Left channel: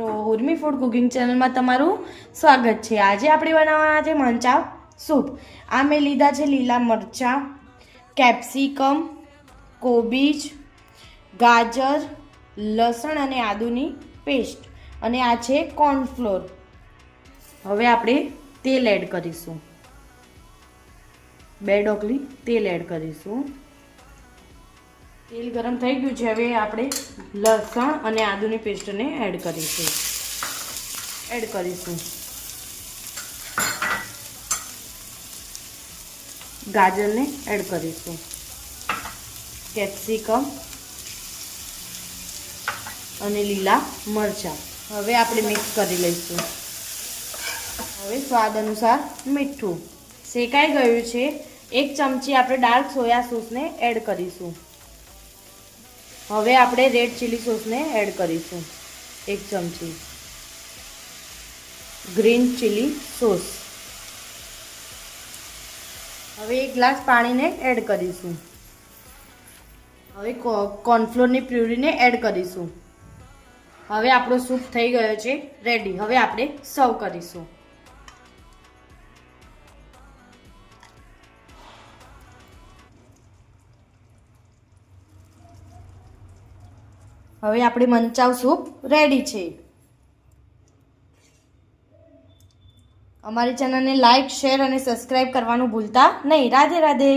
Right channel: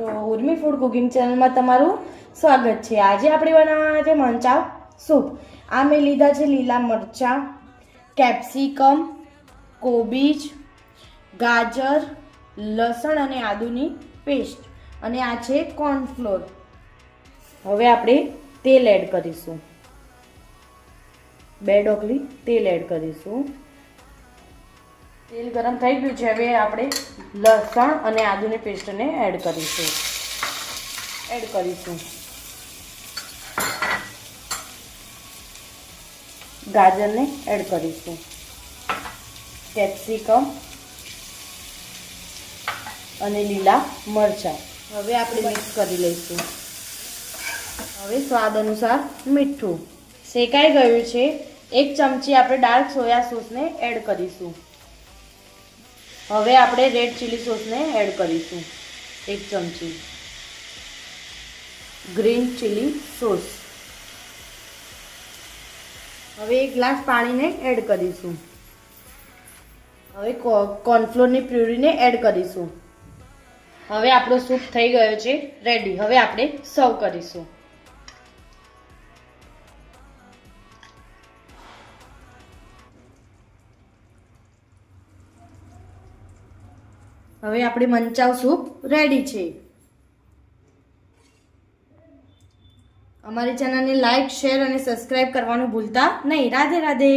મિત્રો, Urmi food cooking ચેનલમાં તમારું સ્વાગત છે। આજે આપણે બનાવવાના છે મંચાવ સૂપ। આ મેં લીધા છે લીલા મરચાં, કેપ્સિકમ, કોબીજ, ગાજર, લસણ અને આદુની પેસ્ટ અને આ છે કોર્નફ્લોર। હવે આપણે તેલ એડ કરીશું, 2 ડોકલી તેલ એડ કરીશું। તેલ ગરમ થઈ ગયું છે। હવે આપણે લસણ અને આદુની પેસ્ટને એડ કરીશું। ગાજરને એડ કરીશું, કેપ્સિકમ અને લીલા મરચાં। હવે આપણે મિક્સ કરી લઈશું। હવે સ્વાદ અનુસાર મીઠું। શેકાઈ ગયું છે। 1 ચમચી આપણે ડાર્ક સોયા સોસને એડ કરીશું। હવે આપણે રેડ ચીલી સોસને એડ કરીશું, 1 ચમચી ગ્રીન ચીલી સોસ। હવે 1 ગ્લાસ પાણીને એડ કરીશું। હવે કોર્નફ્લોરની પ્યુરીને એડ કરીશું। હવે આપણો સૂપ થઈ ગયો છે રેડી। હવે આપણે સર્વ કરીશું। હવે આપણે મંચાવ સૂપ રેડી છે। અમારી ચેનલને લાઈક, શેર અને સબસ્ક્રાઇબ કરવાનું ભૂલતા નહીં। રાધે રાધે।